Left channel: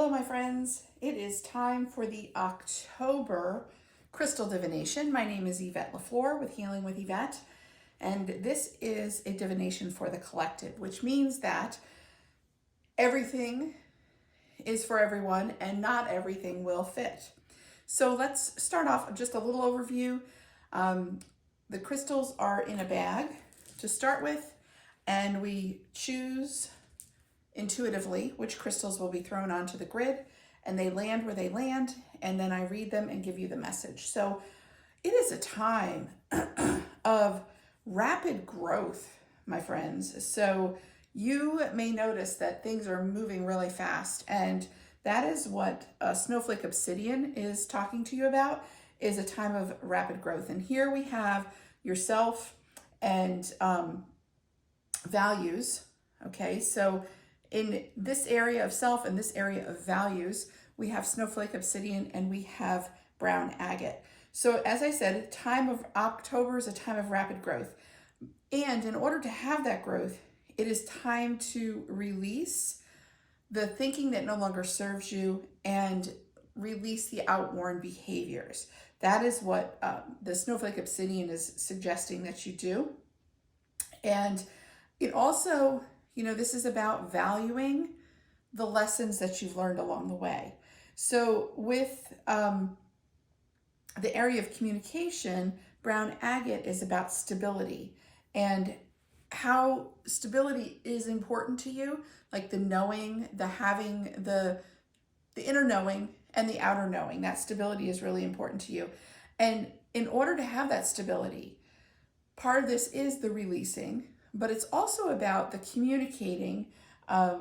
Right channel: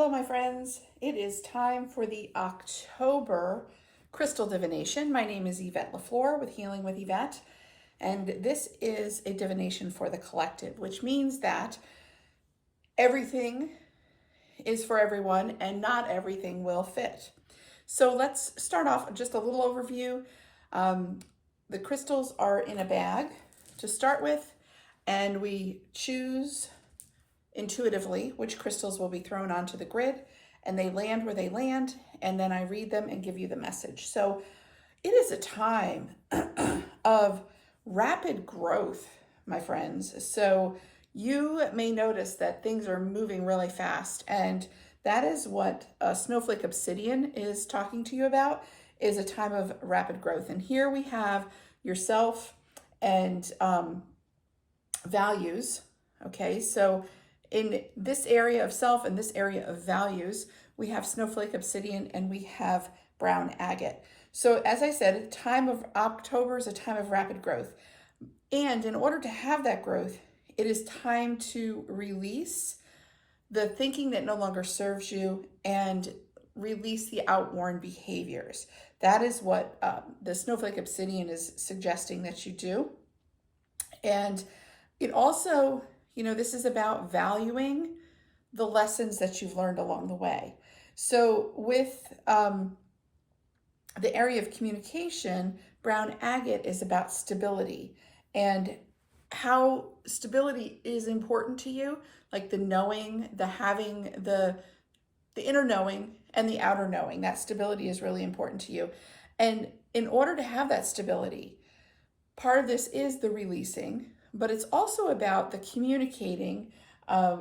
Hello, my friends. It is time for the October crystal divination. My name is Yvette LaFleur with Healing with Yvette, and this is a divination for the collective, which means that everything is for everyone and not everything will fit. So let's start off just a little overview. The crystals are in a bag to start with, and we choose intuitively which crystals will be thrown onto the grid, and they land where they land, and then I read them and give you the message. So it is a time of rapid growth, my friends. So you may notice that things are moving really fast, and that is what Snowflake Obsidian is talking to you about, is a time of rapid growth. And here we have yourself and values. Okay, so in this area of self and this area of values, we have Snowflake Obsidian and we have brown agate. So as I said, time of October is a time of rapid growth. And in order to have that growth, it is time to release the thinking that no longer serves you and release the outworn behaviors. That is what the Snowflake Obsidian is suggesting that you do. And it also, this is about valuing the lessons that you've learned along the way. So with the area of communication, brown agate is about stability and how stability is important to you, like the knowing, the having, the inner knowing and the outer knowing. That stability is really important to you. And in order to have that stability, part of this is the releasing, but it's also about the communicating,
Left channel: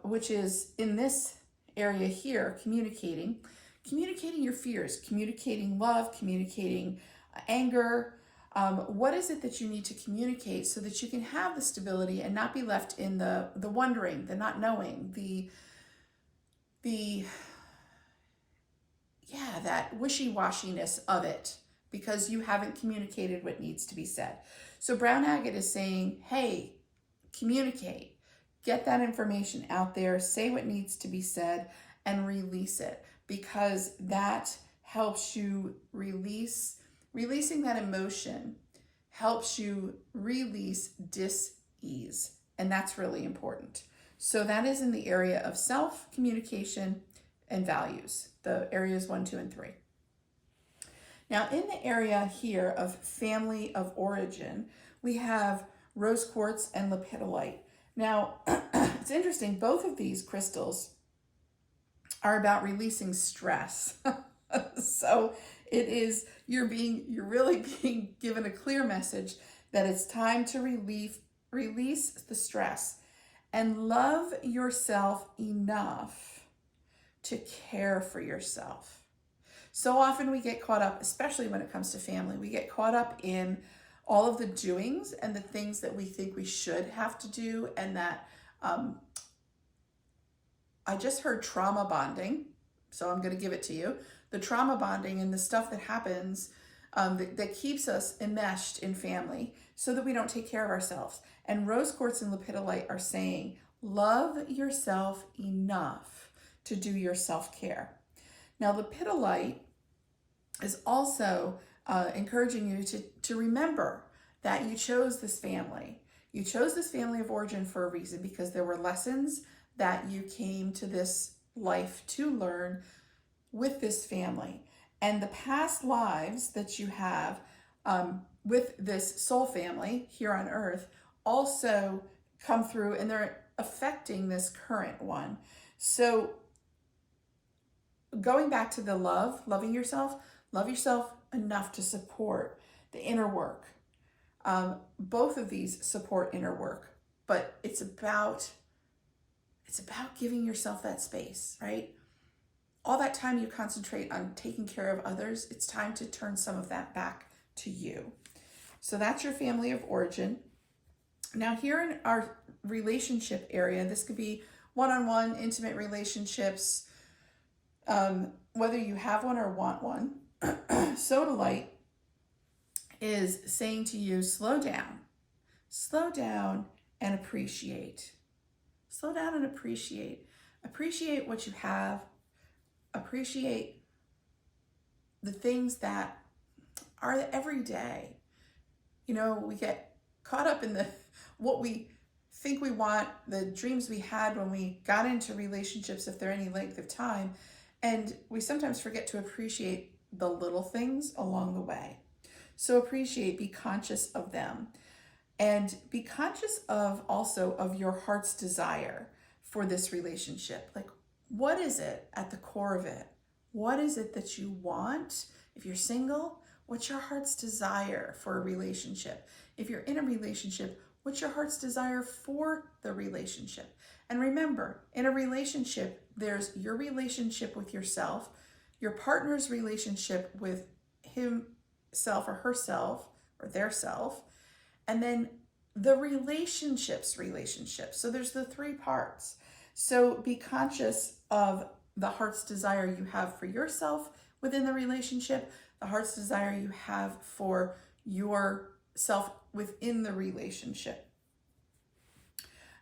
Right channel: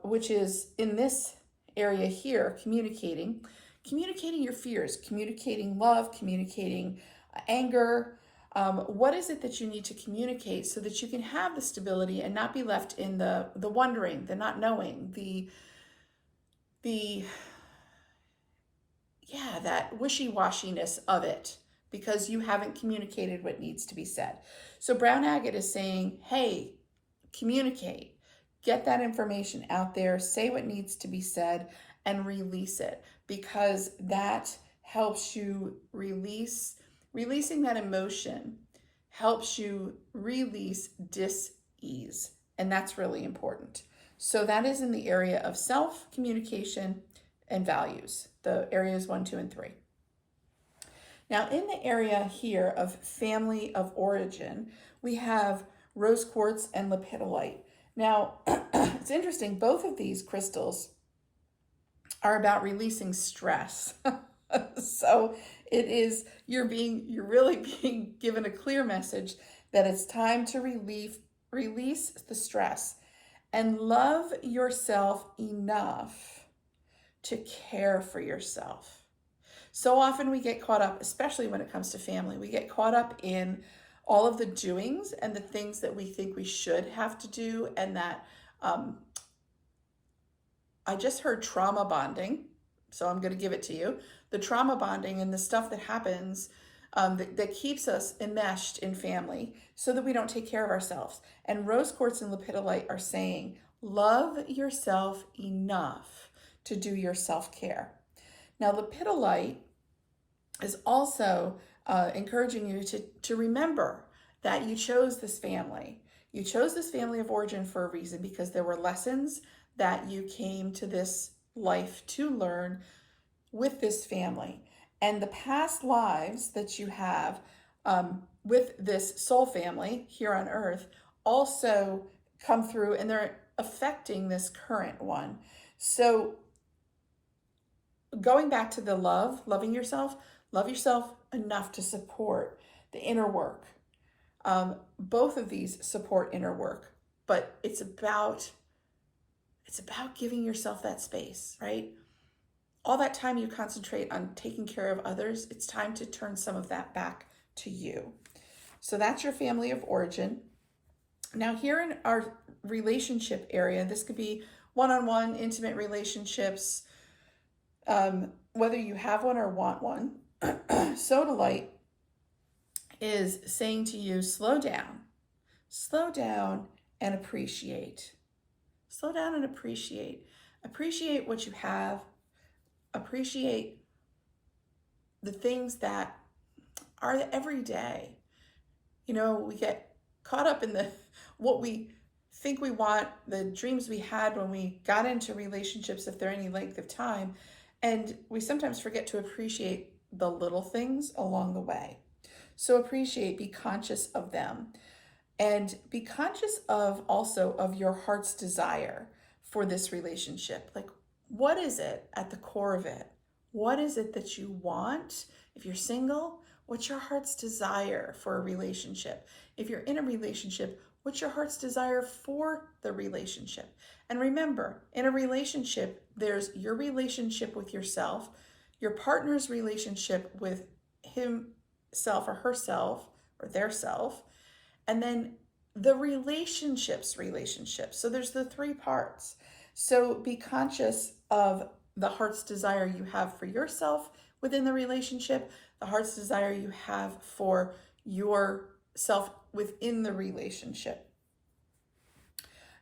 which is in this area here, communicating your fears, communicating love, communicating anger. What is it that you need to communicate so that you can have the stability and not be left in the wondering, the not knowing, that wishy-washiness of it, because you haven't communicated what needs to be said. So brown agate is saying, hey, communicate, get that information out there, say what needs to be said, and release it, because that helps you releasing that emotion helps you release dis-ease, and that's really important. So that is in the area of self, communication, and values, the areas 1, 2, and 3. Now, in the area here of family of origin, we have rose quartz and lepidolite. Now, it's interesting, both of these crystals are about releasing stress. So it is, you're really being given a clear message that it's time to release the stress and love yourself enough to care for yourself. So often we get caught up, especially when it comes to family, we get caught up in all of the doings and the things that we think we should have to do, and that I just heard trauma bonding, so I'm going to give it to you. The trauma bonding and the stuff that happens that keeps us enmeshed in family so that we don't take care of ourselves. And rose quartz and lepidolite are saying, love yourself enough to do your self-care. Now, lepidolite is also encouraging you to remember that you chose this family. You chose this family of origin for a reason, because there were lessons that you came to this life to learn with this family. And the past lives that you have with this soul family here on earth also come through, and they're affecting this current one. So going back to the loving yourself, love yourself enough to support the inner work. Both of these support inner work, but it's about giving yourself that space, right? All that time you concentrate on taking care of others, it's time to turn some of that back to you. So that's your family of origin. Now here in our relationship area, this could be one-on-one, intimate relationships, whether you have one or want one. Sodalite is saying to you, slow down and appreciate. Slow down and appreciate. Appreciate what you have. appreciate the things that are the everyday. You know, we get caught up in the what we think we want, the dreams we had when we got into relationships, if they're any length of time, and we sometimes forget to appreciate the little things along the way. So appreciate, be conscious of them, and be conscious of also of your heart's desire for this relationship. Like, what is it at the core of it? What is it that you want? If you're single, what's your heart's desire for a relationship? If you're in a relationship, what's your heart's desire for the relationship? And remember, in a relationship, there's your relationship with yourself, your partner's relationship with himself or herself or their self, and then the relationship's relationship. So there's the three parts. So be conscious of the heart's desire you have for yourself within the relationship, the heart's desire you have for yourself within the relationship.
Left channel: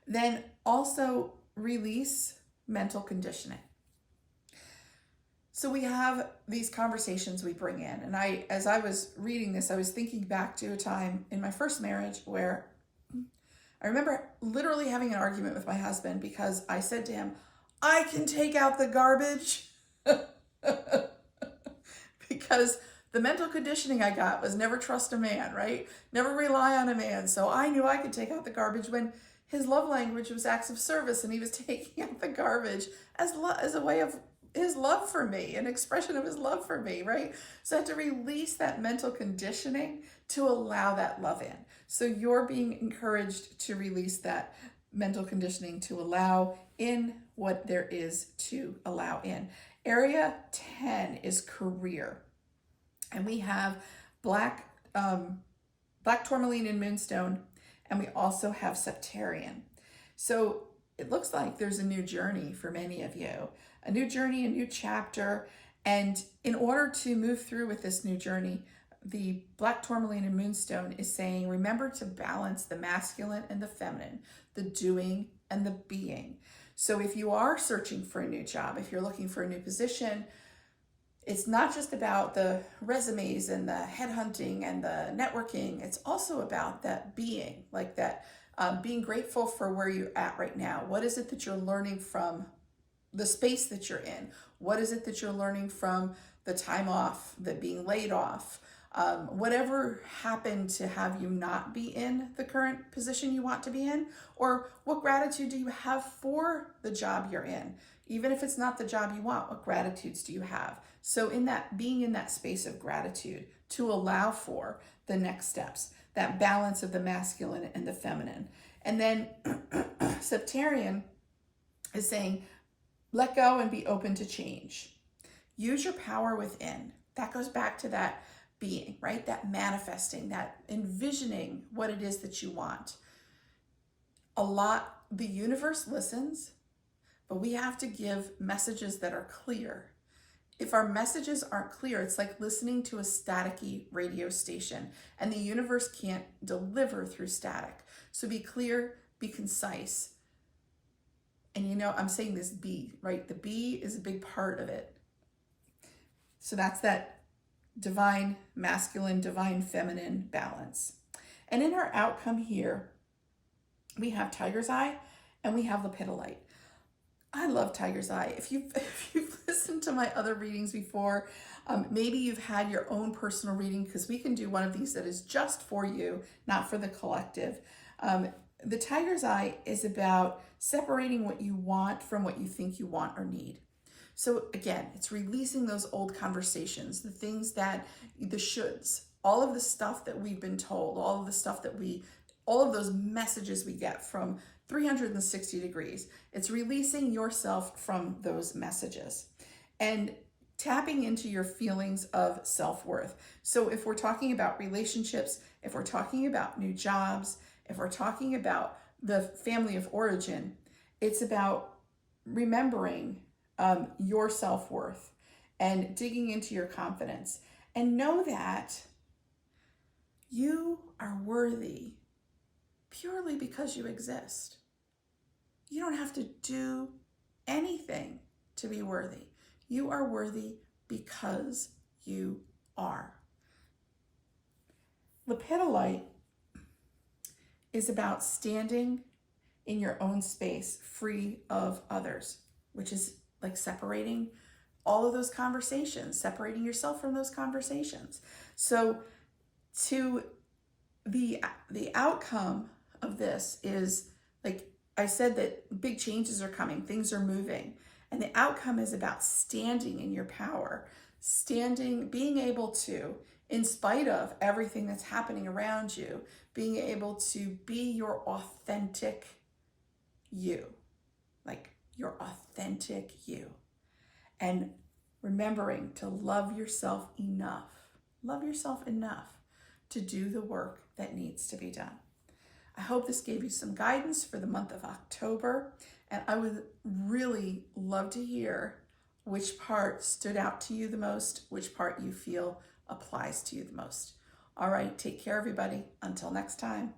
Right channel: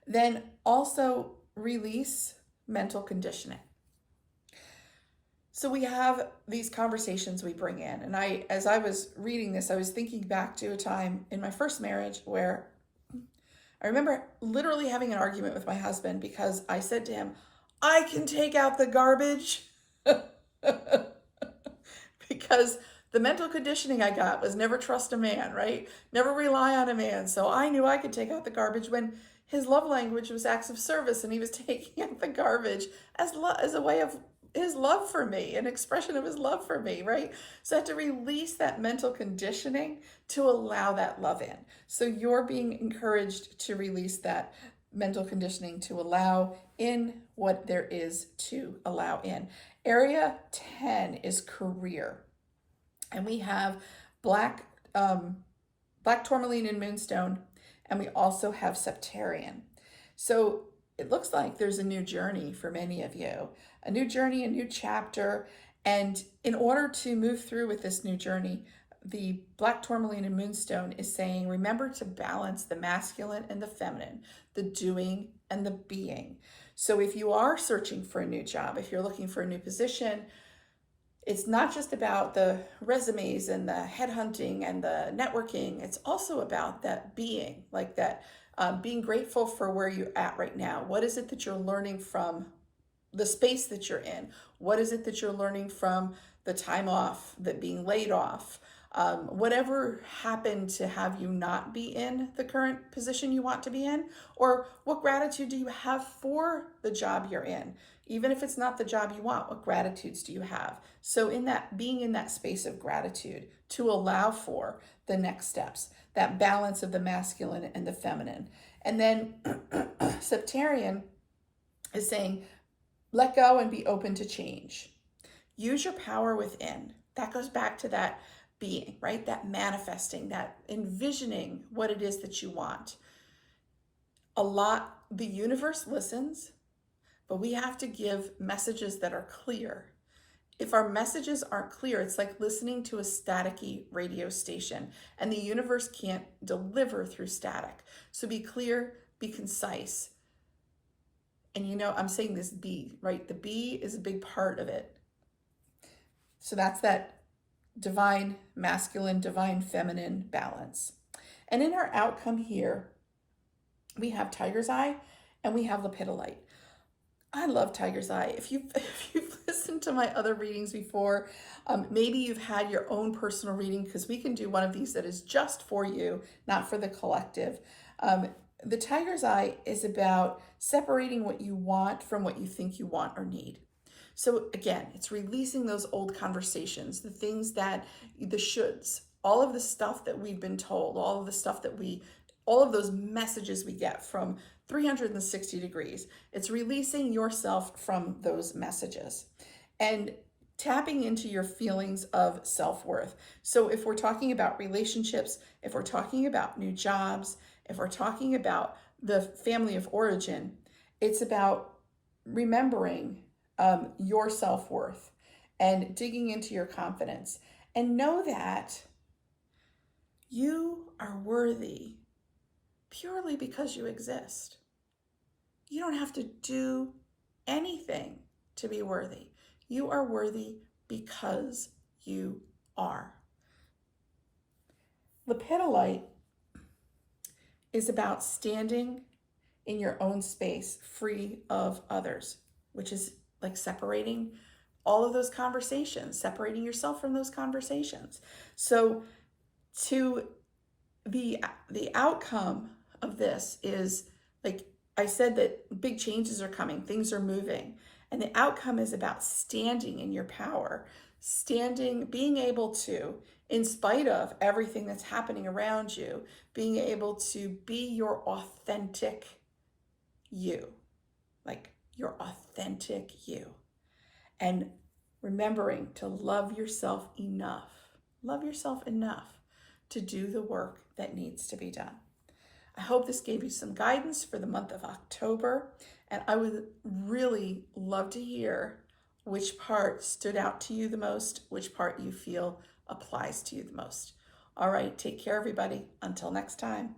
Then also release mental conditioning. So we have these conversations we bring in. And as I was reading this, I was thinking back to a time in my first marriage where I remember literally having an argument with my husband because I said to him, I can take out the garbage. Because the mental conditioning I got was never trust a man, right? Never rely on a man. So I knew I could take out the garbage when his love language was acts of service, and he was taking out the garbage as a way of his love for me, an expression of his love for me, right? So I had to release that mental conditioning to allow that love in. So you're being encouraged to release that mental conditioning to allow in what there is to allow in. Area 10 is career. And we have black tourmaline and moonstone, and we also have septarian. So it looks like there's a new journey for many of you, a new journey, a new chapter. And in order to move through with this new journey, the black tourmaline and moonstone is saying, remember to balance the masculine and the feminine, the doing and the being. So if you are searching for a new job, if you're looking for a new position, it's not just about the resumes and the headhunting and the networking. It's also about that being, like that being grateful for where you're at right now. What is it that you're learning from the space that you're in? What is it that you're learning from the time off, the being laid off? Whatever happened to have you not be in the current position you want to be in, or what gratitude do you have for the job you're in? Even if it's not the job you want, what gratitudes do you have? So in that, being in that space of gratitude to allow for the next steps, that balance of the masculine and the feminine. And then septarian is saying, let go and be open to change. Use your power within. That goes back to that being, right? That manifesting, that envisioning what it is that you want. The universe listens, but we have to give messages that are clear. If our messages aren't clear, it's like listening to a staticky radio station, and the universe can't deliver through static. So be clear, be concise. And I'm saying this B, right? The B is a big part of it. So that's that divine masculine, divine feminine balance. And in our outcome here, we have tiger's eye and we have lepidolite. I love tiger's eye. If you've listened to my other readings before, maybe you've had your own personal reading, because we can do one of these that is just for you, not for the collective. The tiger's eye is about separating what you want from what you think you want or need. So again, it's releasing those old conversations, the things that, the shoulds, all of the stuff that we've been told, all of those messages we get from 360 degrees. It's releasing yourself from those messages and tapping into your feelings of self-worth. So if we're talking about relationships, if we're talking about new jobs, if we're talking about the family of origin, it's about remembering your self-worth and digging into your confidence, and know that you are worthy purely because you exist. You don't have to do anything to be worthy. You are worthy because you are. Lepidolite is about standing in your own space, free of others, which is like separating all of those conversations, separating yourself from those conversations. So to the outcome of this is, like I said, that big changes are coming, things are moving, and the outcome is about standing in your power, standing, being able to, in spite of everything that's happening around you, being able to be your authentic you, like your authentic you, and remembering to love yourself enough to do the work that needs to be done. I hope this gave you some guidance for the month of October, and I would really love to hear which part stood out to you the most, which part you feel applies to you the most. All right, take care, everybody. Until next time.